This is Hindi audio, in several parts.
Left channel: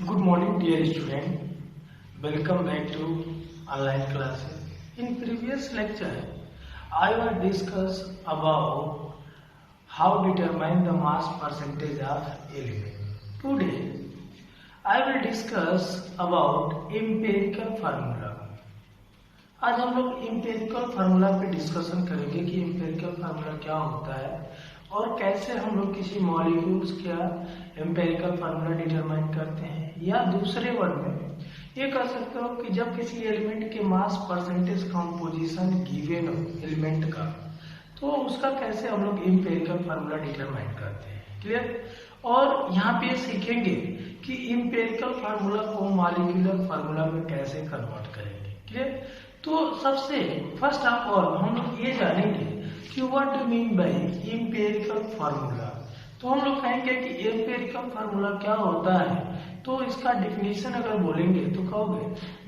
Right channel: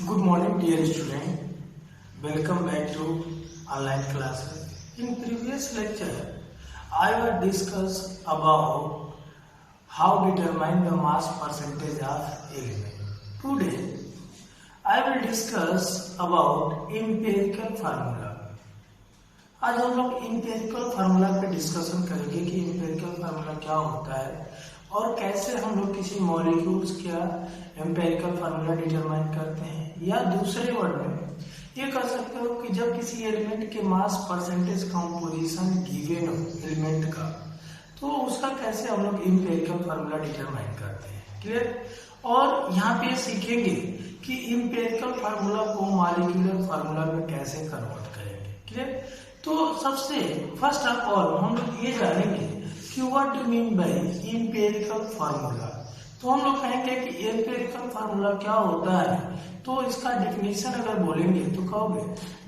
Good morning, dear student. Welcome back to online classes. In previous lecture, I will discuss about how determine the mass percentage of element. Today, I will discuss about empirical formula. आज हम लोग empirical formula पे डिस्कशन करेंगे कि empirical formula क्या होता है और कैसे हम लोग किसी मॉलिक्यूल्स का एम्पेरिकल फार्मूला डिटरमाइन करते हैं, या दूसरे वर्ड में ये कह सकते हो कि जब किसी एलिमेंट के मास परसेंटेज कंपोजिशन गिवन हो एलिमेंट का, तो उसका कैसे हम लोग एम्पेरिकल फार्मूला डिटरमाइन करते हैं। क्लियर। और यहाँ पे सीखेंगे कि एम्पेरिकल फार्मूला को मॉलिक्यूलर फार्मूला में कैसे कन्वर्ट करेंगे। क्लियर। तो सबसे फर्स्ट ऑफ ऑल हम लोग ये जानेंगे कि what do mean by empirical formula. तो हम लोग कहेंगे कि एम्पिरिकल फार्मूला क्या होता है, तो इसका डेफिनेशन अगर बोलेंगे तो कहोगे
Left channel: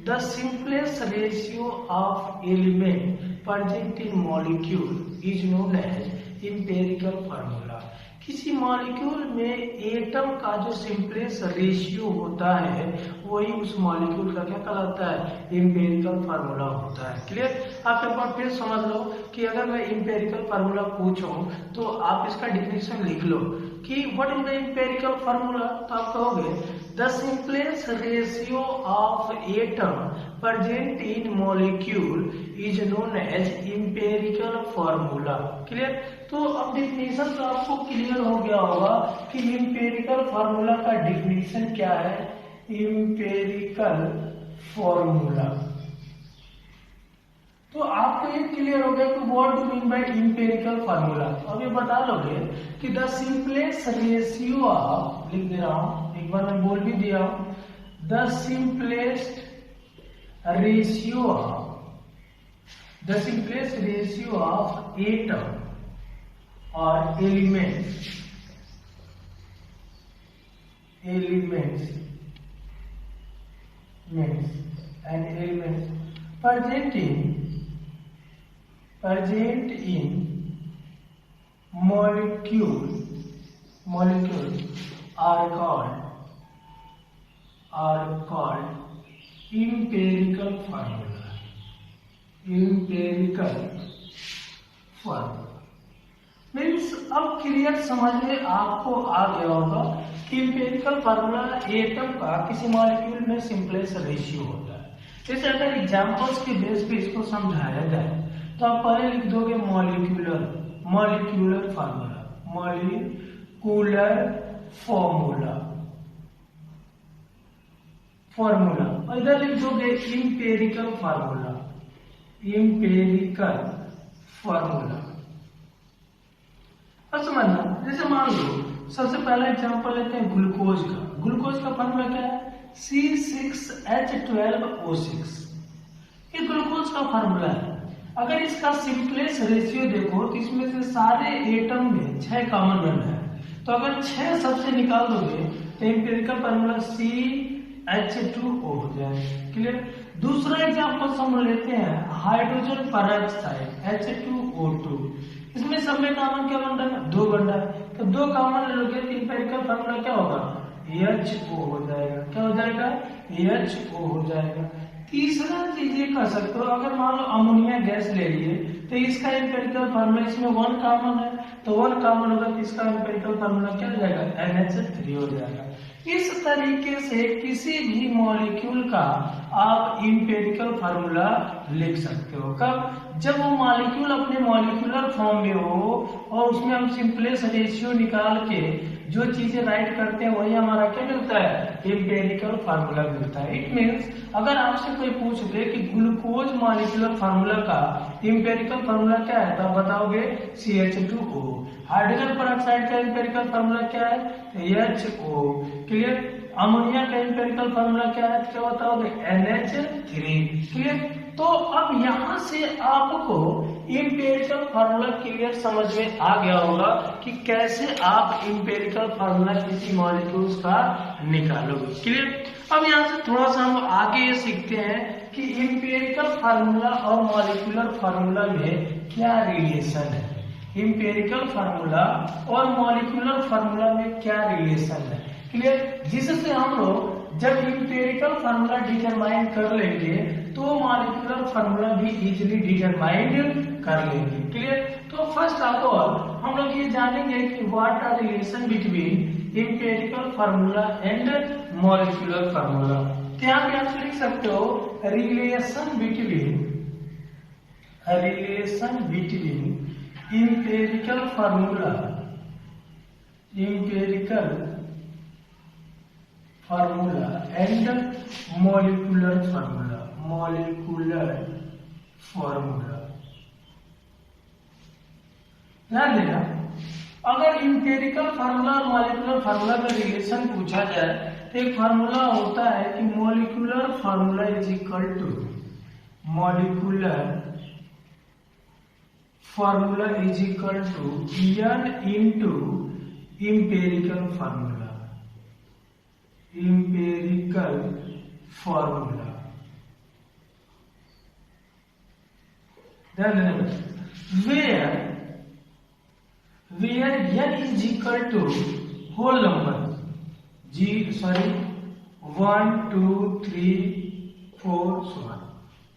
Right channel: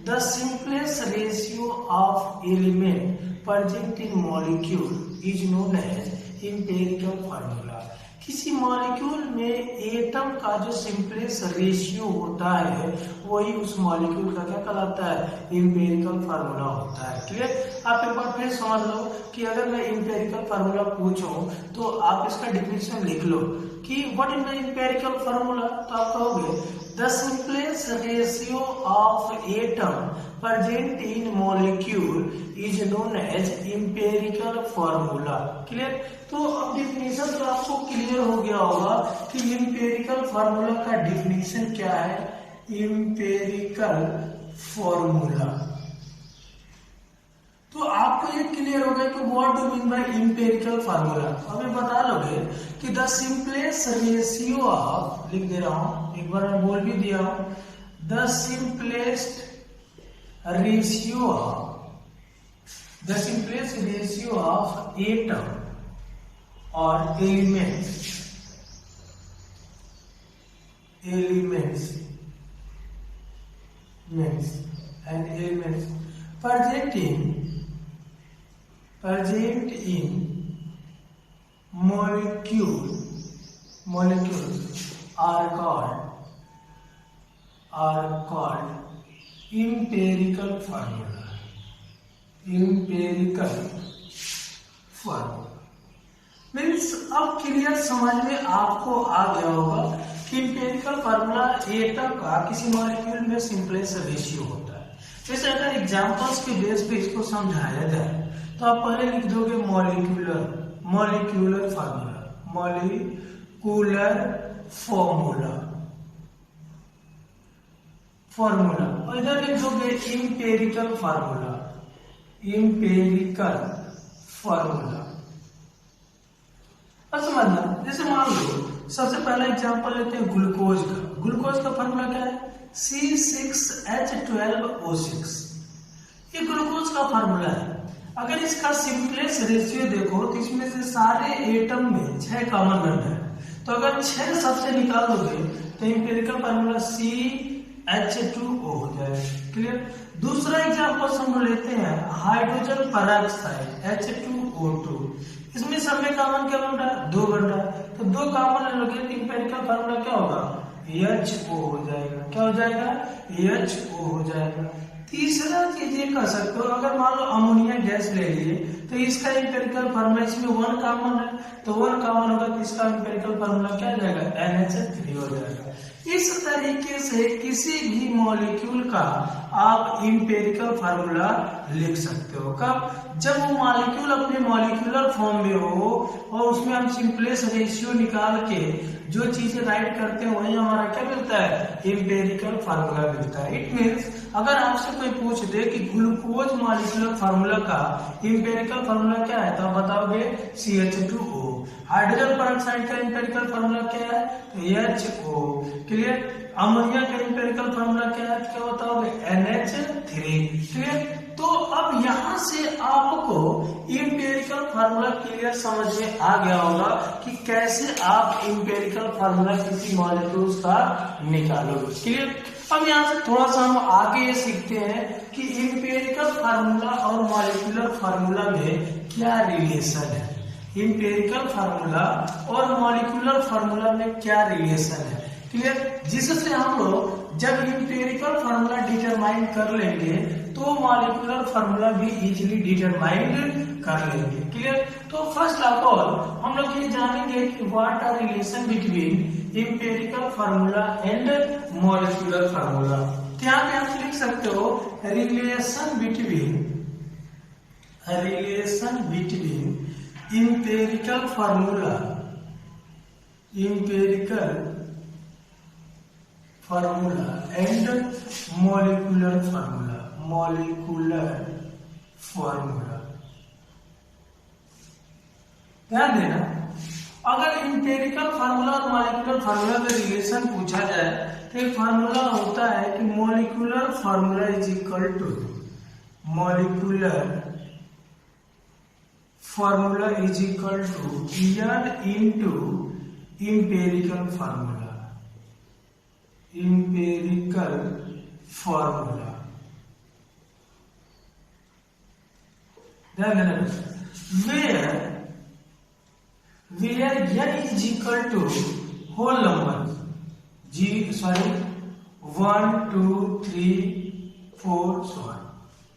the simplest ratio of element present in molecule is known as empirical formula. किसी मॉलिक्यूल में एटम का जो सिंपलेस्ट रेशियो होता है वही उस मॉलिक्यूल का क्या कहलाता है, एम्पिरिकल फार्मूला होता है। क्लियर। आप एक बार फिर समझ लो कि अगर मैं एम्पिरिकल फार्मूला पूछूं तो आप इसका डिफिनेशन लिख लो कि what is the empirical formula. तो आप कहोगे the simplest ratio of atom present in molecule is known as empirical formula. Clear. तो अब डिफिनेशन तो आपको क्लियर हो गया होगा कि एम्पिरिकल फार्मूला का डिफिनेशन क्या है। एम्पिरिकल फार्मूला, तो आपको ये क्लियर हो गया कि what do mean by empirical formula. तो अभी बता लोगे कि द सिंपलेस्ट रेशियो ऑफ, लिख दे रहा हूं, एक बार मैं बोल भी दिया हूं, the simplest ratio of atom or elements present in molecule are called empirical formula। Means अब क्लियर समझ में आपको आ गया होगा कि एम्पिरिकल फार्मूला एटम का किसी मॉलिक्यूल में सिंपलेस्ट रेशियो होता है। जैसे अगर एग्जांपल्स के बेस पे इसको समझाया जाए तो आप पहले लिख दोगे मॉलिक्यूलर फार्मूला और इधर लिख दोगे एम्पिरिकल फार्मूला। समझना, जैसे मान लो सबसे पहला एग्जांपल लेते हैं ग्लूकोज का फार्मूला क्या है, C6H12O6। ये ग्लूकोज का फार्मूला है। अगर इसका सिंपलेस्ट रेशियो देखो तो इसमें से सारे एटम में 6 कॉमन बनना है, तो अगर 6 सबसे निकाल दोगे तो एम्पिरिकल फार्मूला CH2O हो जाएगा। क्लियर। दूसरा एग्जांपल हम लेते हैं हाइड्रोजन पेरोक्साइड H2O2। इसमें सब में कॉमन क्या बन रहा है, 2 बन रहा है, तो 2 कॉमन ले लोगे तो एम्पिरिकल फार्मूला क्या होगा, HO हो जाएगा। क्या हो जाएगा, HO हो जाएगा। तीसरा चीज ये कह सकते हो, अगर मान लो अमोनिया गैस ले लिए तो इसका एम्पिरिकल फार्मूला, इसमें 1 कॉमन है तो 1 कॉमन होगा तो इसका एम्पिरिकल फार्मूला क्या हो जाएगा, NH3 हो जाएगा। इस तरीके से किसी भी मॉलिक्यूल का आप एम्पिरिकल फार्मूला लिख सकते हो। कब, जब वो मॉलिक्यूल अपने मॉलिक्यूलर फॉर्म में हो और उसमें हम सिंपलेस्ट रेशियो निकाल के जो चीजें राइट करते हैं वही हमारा क्या मिलता है, एम्पिरिकल फार्मूला मिलता है। इट मीन्स अगर आपसे कोई पूछ दे कि ग्लूकोज मॉलिक्यूलर फार्मूला का एम्पिरिकल फार्मूला क्या है तो आप बताओगे CH2O। हाइड्रोजन पेरोक्साइड का एम्पिरिकल फार्मूला क्या है, HO। क्लियर। अमोनिया का एम्पिरिकल फार्मूला क्या है, क्या बताओगे, NH3। क्लियर। तो अब यहां से आपको एम्पिरिकल फार्मूला क्लियर समझ में आ गया होगा कि कैसे आप एम्पिरिकल फार्मूला किसी मॉलिक्यूल्स का निकालोगे। क्लियर। अब यहाँ से थोड़ा सा हम आगे ये सीखते हैं कि एम्पिरिकल फार्मूला और मॉलिक्यूलर फार्मूला में क्या रिलेशन है। एम्पिरिकल फार्मूला और मॉलिक्यूलर फार्मूला में क्या रिलेशन है, क्लियर, जिससे हम लोग जब इंपेरिकल फार्मूला डिटरमाइन कर लेंगे तो मॉलिक्यूलर फार्मूला भी इजीली डिटरमाइन कर लेंगे। क्लियर, तो फर्स्ट ऑफ ऑल हम लोग ये जानेंगे कि what are relation between empirical formula and molecular formula. तो यहाँ पे आप लिख सकते हो relation between empirical formula and molecular formula. ध्यान देना, अगर इंपेरिकल फार्मूला और मॉलिक्यूलर फार्मूला का रिलेशन पूछा जाए तो एक फार्मूला होता है कि molecular formula is equal to n into empirical formula ध्यान देना, where n is equal to whole number 1 2 3 4 so on।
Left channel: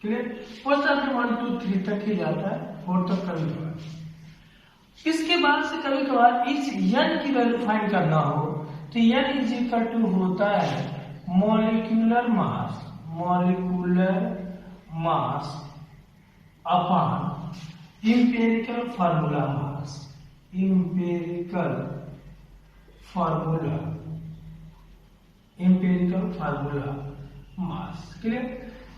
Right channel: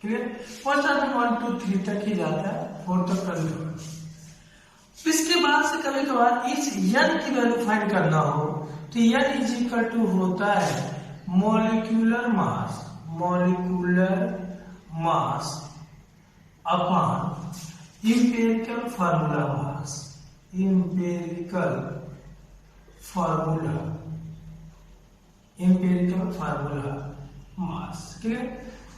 Clear, first आपने 1 2 3 तक ही जाता है, 4 तक कभी कभार। इसके बाद से कभी कभार इस n की वैल्यू फाइंड करना हो तो n इज इक्वल टू होता है molecular mass upon empirical formula मास। क्लियर,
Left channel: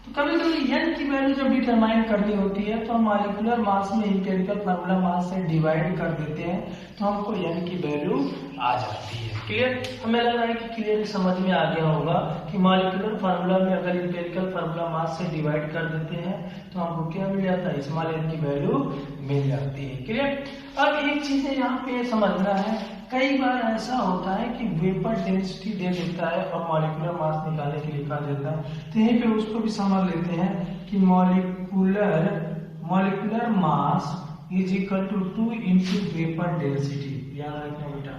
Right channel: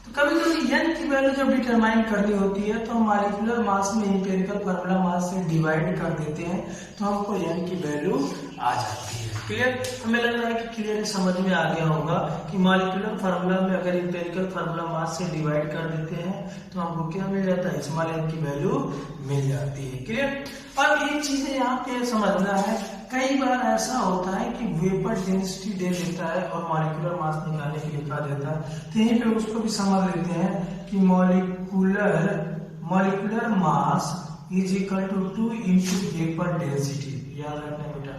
तो कभी कभी n की वैल्यू जब डिटरमाइन करनी होती है तो हम मॉलिक्यूलर मास में इंपेरिकल फार्मूला मास से डिवाइड कर देते हैं तो हमको n की वैल्यू आ जाती है। क्लियर, हमें लग रहा है कि क्लियर समझ में आ गया होगा कि मॉलिक्यूलर फार्मूला में अगर इंपेरिकल फार्मूला मास से डिवाइड कर देते हैं तो हमको क्या मिल जाता है, स्मॉल n की वैल्यू मिल जाती है। क्लियर, अब एक चीज यहाँ पे समझना है, कई बार ऐसा होता है कि वेपर डेंसिटी दे देता है और मॉलिक्यूलर मास निकालने के लिए कहा देता है, तो यहीं पे उसको भी समझ लेते हैं कि molecular mass is equal to 2 into vapour density. याद रखना बेटा,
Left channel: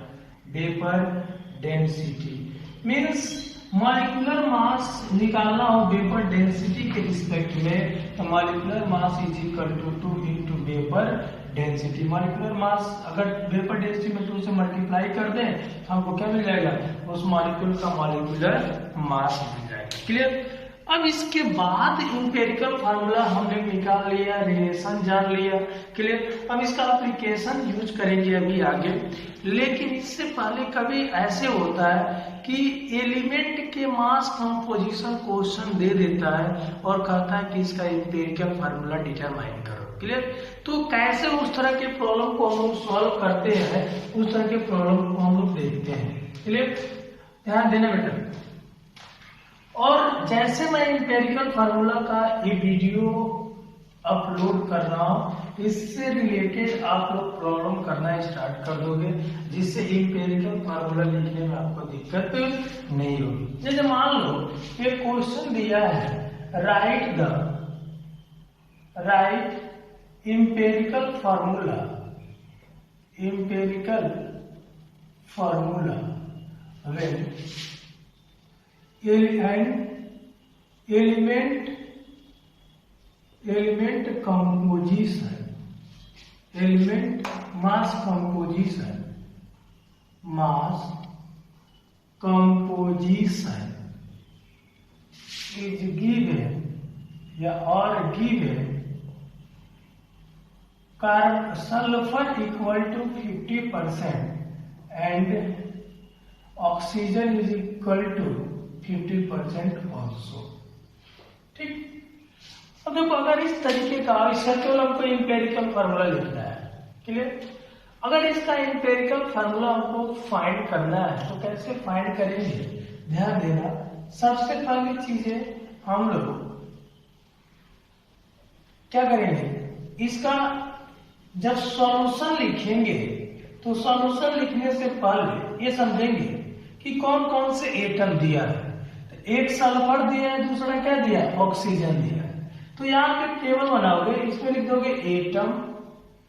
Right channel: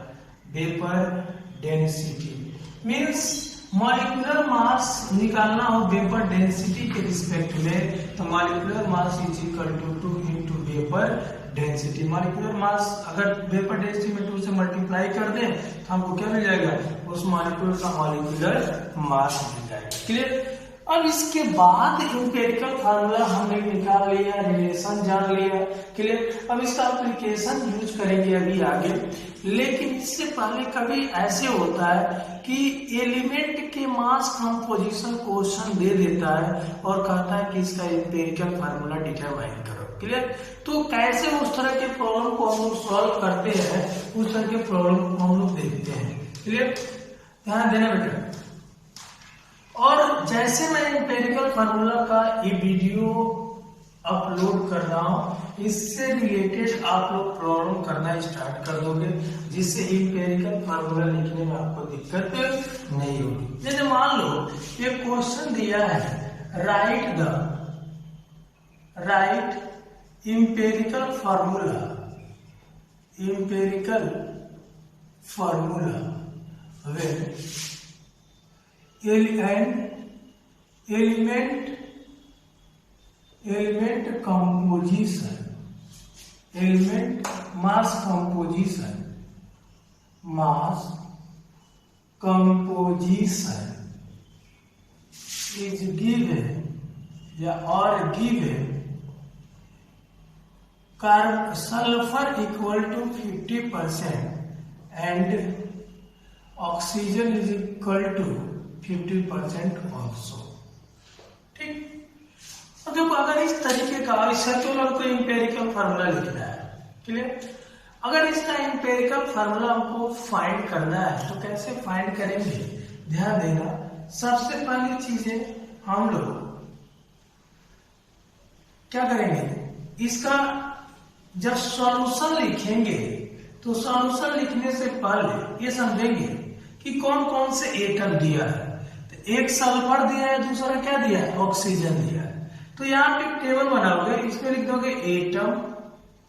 vapour density means molecular mass निकालना हो वेपर डेंसिटी के रिस्पेक्ट में तो molecular mass is equal to 2 into vapour density. Molecular mass अगर वेपर डेंसिटी में 2 से मल्टीप्लाई कर दे तो हमको क्या मिल जाएगा, उस मॉलिक्यूल का मॉलिक्यूलर मास मिल जाएगा। क्लियर, अब इसके बाद इंपेरिकल फार्मूला हमने निकाल लिया, रिलेशन जान लिया। क्लियर, अब इसका एप्लीकेशन यूज करेंगे अभी आगे, लेकिन इससे पहले कभी ऐसे होता है कि एलिमेंट के मास कंपोजिशन क्वेश्चन दे देता है और कहता है कि इसका इंपेरिकल फार्मूला डिटरमाइन करो। क्लियर, तो कैसे उस तरह के प्रॉब्लम को हम लोग सॉल्व करते हैं, उस तरह के प्रॉब्लम को हम लोग देखते हैं। क्लियर, ध्यान देना बेटा, और जैसे मैं इंपेरिकल फार्मूला का ये वीडियो अपलोड कर रहा हूं, इससे रिलेटेड आप लोग प्रॉब्लम करना स्टार्ट कर दोगे, जिससे इंपेरिकल फार्मूला लिखने में आपको दिक्कत नहीं होगी। जैसे मान लो ये क्वेश्चन दिया है, right empirical formula when element mass composition is given sulfur equal to 50% and oxygen is equal to 50% also। ठीक, अब देखो अगर इस तरीके का इससे तो हमको इंपेरिकल फार्मूला लिखना है। क्लियर, अगर इसका इंपेरिकल फार्मूला हमको फाइंड करना है तो कैसे फाइंड करेंगे, ध्यान देना। सबसे पहली चीज है हम लोग क्या करेंगे, इसका जब सॉल्यूशन लिखेंगे तो सॉल्यूशन लिखने से पहले ये समझेंगे कि कौन कौन से एटम दिया है। तो एक सल्फर दिया है, दूसरा क्या दिया है, ऑक्सीजन दिया है। तो यहाँ पे टेबल बनाओगे, इसमें लिख दोगे एटम।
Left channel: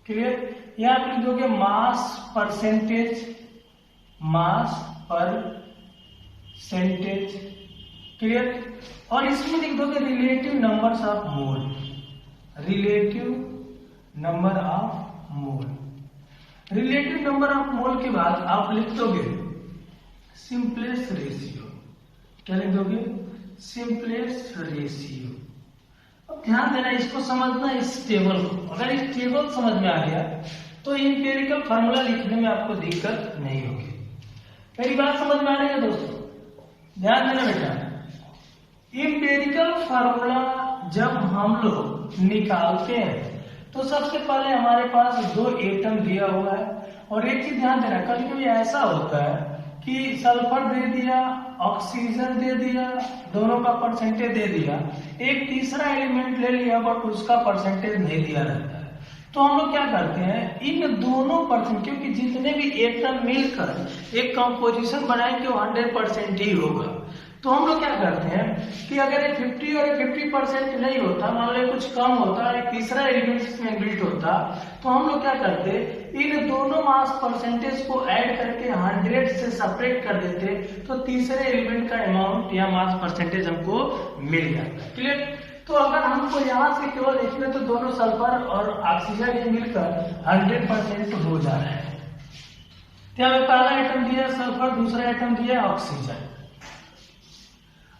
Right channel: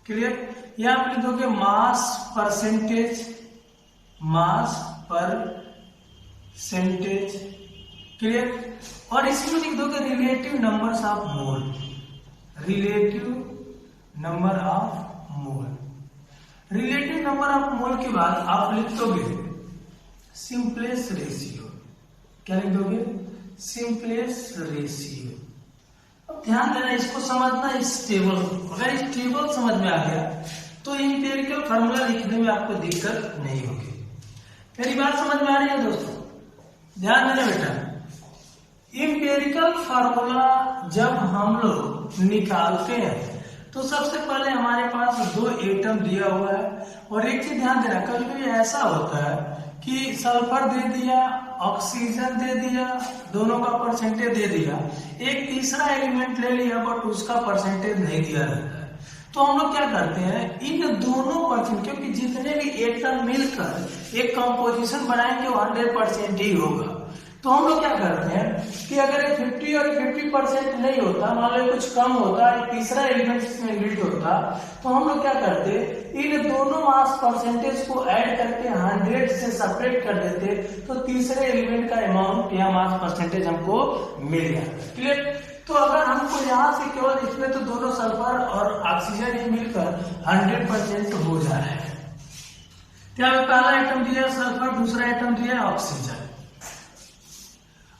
क्लियर, यहाँ पे लिख दोगे मास परसेंटेज, मास पर परसेंटेज, क्लियर। और इसमें लिख दोगे relative numbers of mole, relative number of mole. Relative number of mole के बाद आप लिख दोगे सिंपलेस्ट रेशियो। क्या लिख दोगे? Simplest ratio. अब ध्यान देना, इसको समझना इस टेबल को। अगर इस टेबल समझ में आ गया तो इंपेरिकल फार्मूला लिखने में आपको दिक्कत नहीं होगी। मेरी बात समझ में आ रही है दोस्तों? ध्यान देना बेटा, इंपेरिकल फार्मूला जब हम लोग निकालते हैं तो सबसे पहले हमारे पास दो एटम दिया हुआ है। और एक चीज ध्यान देना, कभी कभी ऐसा होता है कि सल्फर दे दिया, ऑक्सीजन दे दिया, दोनों का परसेंटेज दे दिया, एक तीसरा एलिमेंट ले लिया बट उसका परसेंटेज नहीं दिया रहता है। तो हम लोग क्या करते हैं, इन दोनों परसेंट, क्योंकि जितने भी एटम मिलकर एक कंपोजिशन बनाएंगे वो 100% ही होगा। तो हम लोग क्या करते हैं कि अगर ये 50 और 50% नहीं होता, मान लो कुछ कम होता, एक तीसरा एलिमेंट इसमें बिल्ट होता, तो हम लोग क्या करते, इन दोनों मास परसेंटेज को ऐड करके 100 से सेपरेट कर देते, तो तीसरे एलिमेंट का अमाउंट या मास परसेंटेज हमको मिल जाता है। क्लियर? तो अगर हमको यहाँ से केवल इसमें तो दोनों सल्फर और ऑक्सीजन ही मिलकर 100% हो जा रहा है। तो यहाँ पे पहला आइटम दिया सल्फर, दूसरा आइटम दिया ऑक्सीजन।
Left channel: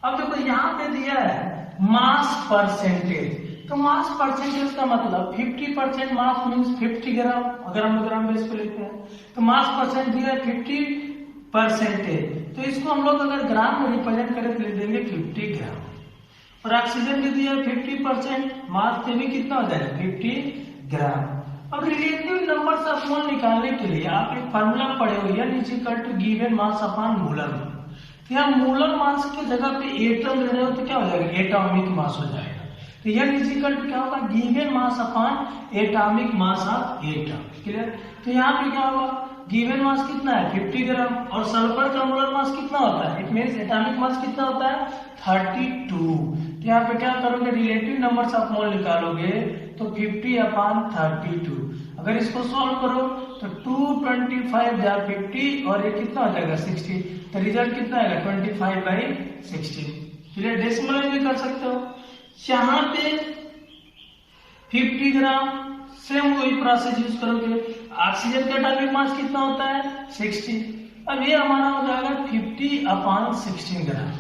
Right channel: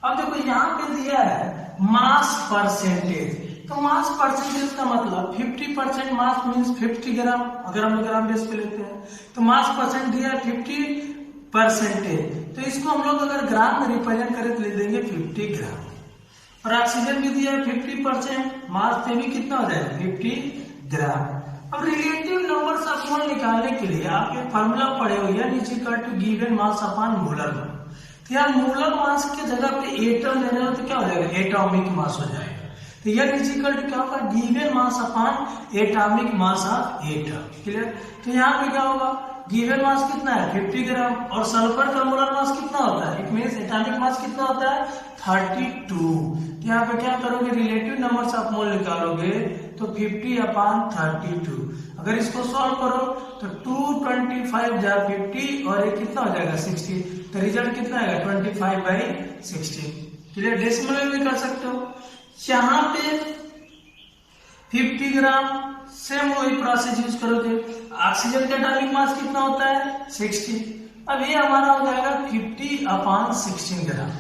अब देखो यहाँ पे दिया है मास परसेंटेज। तो मास परसेंटेज का मतलब 50% मास मीन्स 50 ग्राम, अगर हम ग्राम बेस पे लेते हैं तो मास परसेंट दिया 50%। तो इसको हम लोग अगर ग्राम में रिप्रेजेंट करें तो ले देंगे 50 ग्राम। और ऑक्सीजन भी दिया 50%, मास पे भी कितना हो जाएगा 50 ग्राम। अब रिलेटिव नंबर्स ऑफ मोल निकालने के लिए आप एक फार्मूला पढ़े हो, या नीचे equal to given mass upon molar mass. तो यहाँ मोलर मास की जगह पे एटम ले रहे हो तो क्या हो जाएगा, एटॉमिक मास हो जाएगा। तो यह इक्वल टू क्या होगा, given mass upon atomic mass of atom. Clear? तो यहाँ पे क्या होगा, गिवन मास कितना है 50 ग्राम, और सल्फर का मोलर मास कितना होता है, इट मींस एटॉमिक मास कितना होता है 32। यहाँ पे क्या करोगे, रिलेटिव नंबर्स ऑफ मोल निकालोगे तो 50/32। अगर इसको सॉल्व करो तो 225 जा 50 और ये कितना हो जाएगा 60। तो रिजल्ट कितना आएगा 25/60। चलिए डेसिमल में भी कर सकते हो। यहाँ पे 50 ग्राम, सेम वही प्रोसेस यूज करोगे। ऑक्सीजन का एटॉमिक मास कितना होता है 60। अब ये हमारा हो जाएगा 50/16 ग्राम।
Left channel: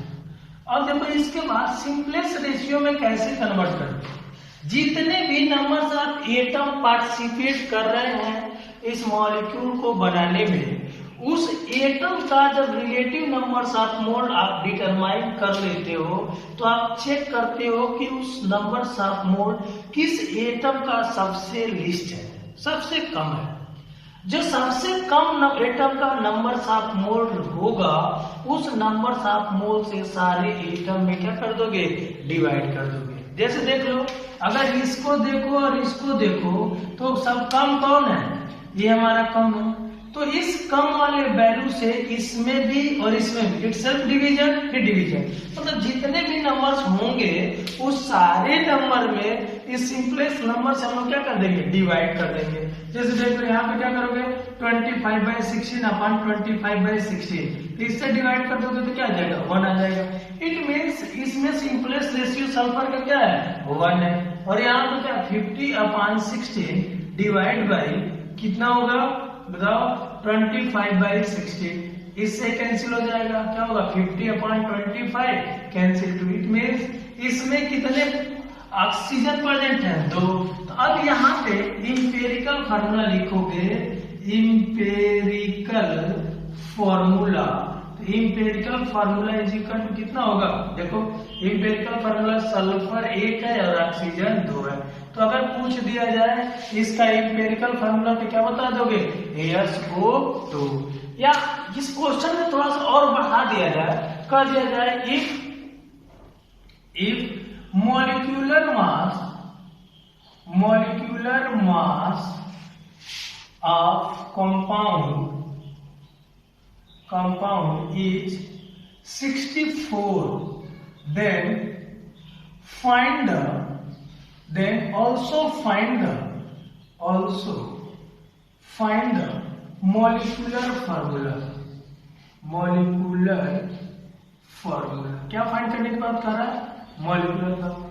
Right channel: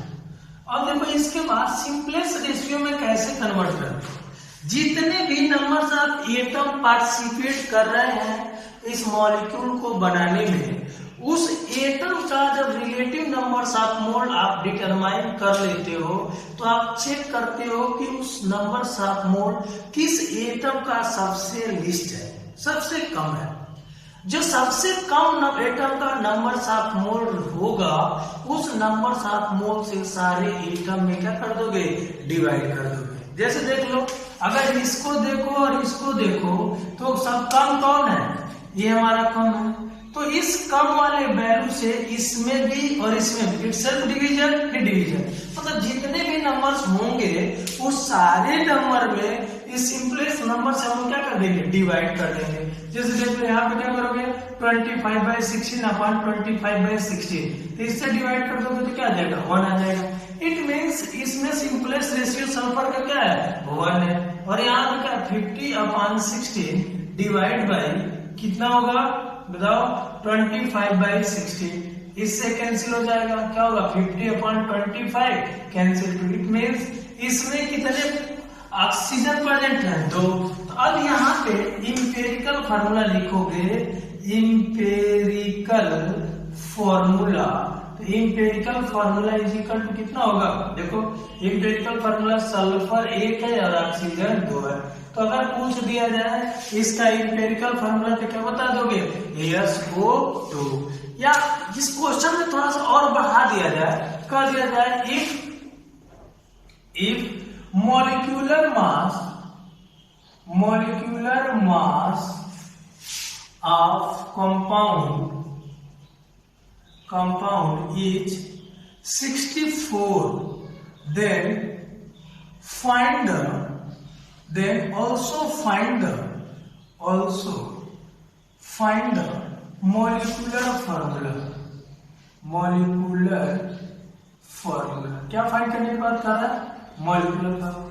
और देखो इसके बाद सिंपलेस्ट रेशियो में कैसे कन्वर्ट करते हैं, जितने भी नंबर्स ऑफ एटम पार्टिसिपेट कर रहे हैं इस मॉलिक्यूल को बनाने में, उस एटम का जब रिलेटिव नंबर्स ऑफ मोल आप डिटरमाइन कर लेते हो तो आप चेक करते हो कि उस नंबर्स ऑफ मोल किस एटम का सबसे लिस्ट है, सबसे कम है। जो सबसे कम एटम का नंबर्स ऑफ मोल होगा, उस नंबर्स ऑफ मोल से सारे एटम में क्या कर दोगे, डिवाइड कर दोगे। जैसे देख लो, अगर इसको देखो और इसको देखो तो सब कम कौन है, ये हमारा कम है। तो इस कम वाले वैल्यू से इसमें भी और इसमें भी इट्स सेल्फ डिवीजन, ये डिवीजन, मतलब जितने भी नंबर्स होंगे उस सारे नंबर में इस सिंपलेस्ट नंबर से हम लोग क्या कर देंगे, डिवाइड कर देंगे। जैसे देख लो यहाँ पे क्या करोगे 25/16 अपॉन 25/16, तो इससे डिवाइड कर दोगे तो क्या आ जाएगा 1 आ जाएगा। इट मीन्स इसमें सिंपलेस्ट रेशियो सल्फर का क्या है 1 है। और यहाँ पे क्या 50/16 डिवाइड बाई कितना होगा बताओ 25/16, इससे कैंसिल हो जाएगा, क्या होगा 50/25 कैंसिल टू। इट मीन्स इसमें कितने ऑक्सीजन प्रेजेंट है 2। तो अब यहाँ पे इंपेरिकल फार्मूला लिखोगे, इंपेरिकल फार्मूला। तो empirical formula is equal to कितना होगा, देखो इंपेरिकल फार्मूला सल्फर 1 है और ऑक्सीजन 2 है। तो अगर पूछ दिया जाए इसका इंपेरिकल फार्मूला तो क्या बता दोगे SO2। या इस क्वेश्चन में थोड़ा सा और बढ़ा दिया जाए, कह दिया जाए if molecular mass of compound is 64, then also find the molecular formula. क्या फाइंड करने की बात कर रहा है? Molecular formula.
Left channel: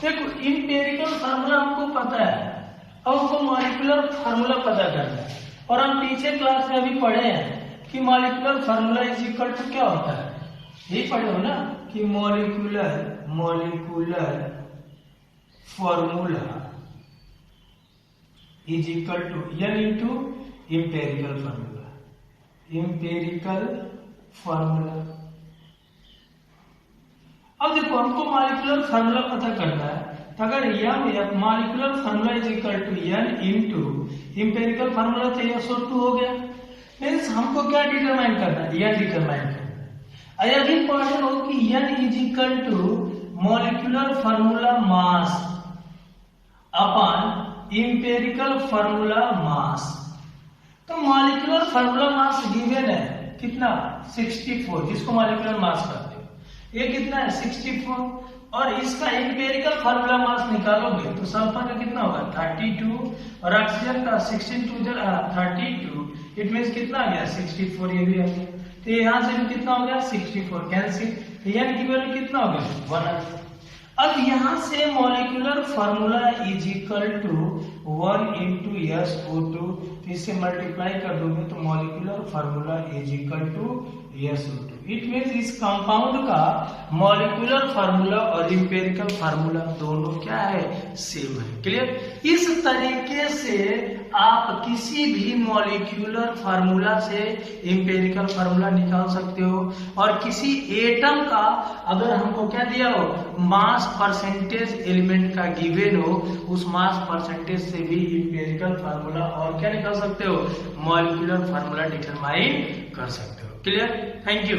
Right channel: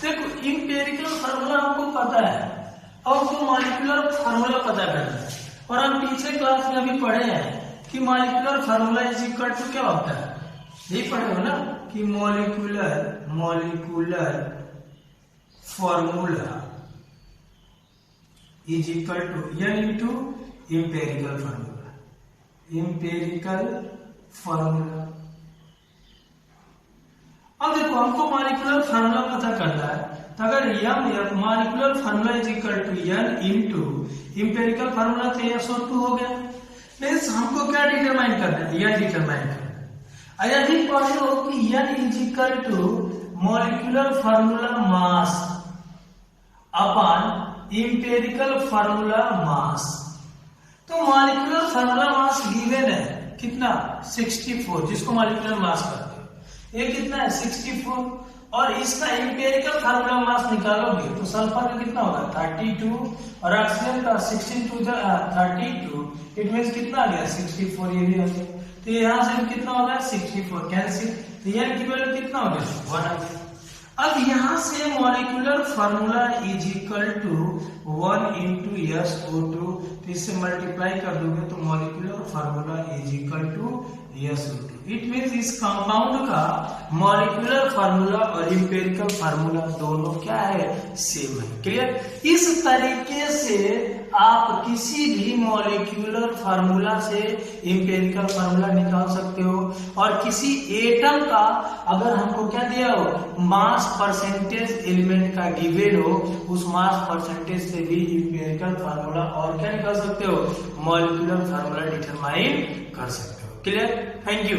देखो इंपेरिकल फार्मूला हमको पता है, अब हमको मॉलिक्यूलर फार्मूला पता करना है। और हम पीछे क्लास में अभी पढ़े हैं कि molecular formula is equal to क्या होता है, यही पढ़े हो ना कि molecular formula is equal to n into empirical formula. Empirical formula. अब देखो हमको मॉलिक्यूलर फार्मूला पता करना है, तो अगर molecular formula is equal to n into empirical formula तो SO2 हो गया। मीन्स हमको क्या डिटरमाइन करना है? n डिटरमाइन करना है। यदि पढ़े हो कि n is equal to molecular formula mass upon empirical formula mass, तो मॉलिक्यूलर फार्मूला मास गिवन है कितना? 64, जिसको मॉलिक्यूलर मास कहते हैं। ये कितना है? 64। और इसका इंपेरिकल फार्मूला मास निकालोगे तो सल्फर का कितना होगा? 32 और ऑक्सीजन का 16 32। इट मींस कितना आ गया? 64। ये भी आ गया, तो यहां से भी कितना हो गया? 64 कैंसिल। तो n की वैल्यू कितना हो गया? 1 आ गया। अब यहां से molecular formula is equal to 1 into SO2, तो इससे मल्टीप्लाई कर दोगे तो molecular formula is equal to SO2। It means इस कंपाउंड का मॉलिक्यूलर फार्मूला और इंपेरिकल फार्मूला दोनों क्या है? सेम है। क्लियर? इस तरीके से आप किसी भी मॉलिक्यूलर फार्मूला से इंपेरिकल फार्मूला निकाल सकते हो। और किसी एटम का अगर हमको क्या दिया हो? मास परसेंटेज एलिमेंट का गिवन हो, उस मास परसेंटेज से भी इंपेरिकल फार्मूला और क्या निकाल सकते हो? मॉलिक्यूलर फार्मूला डिटरमाइन कर सकते हो। क्लियर? Thank you.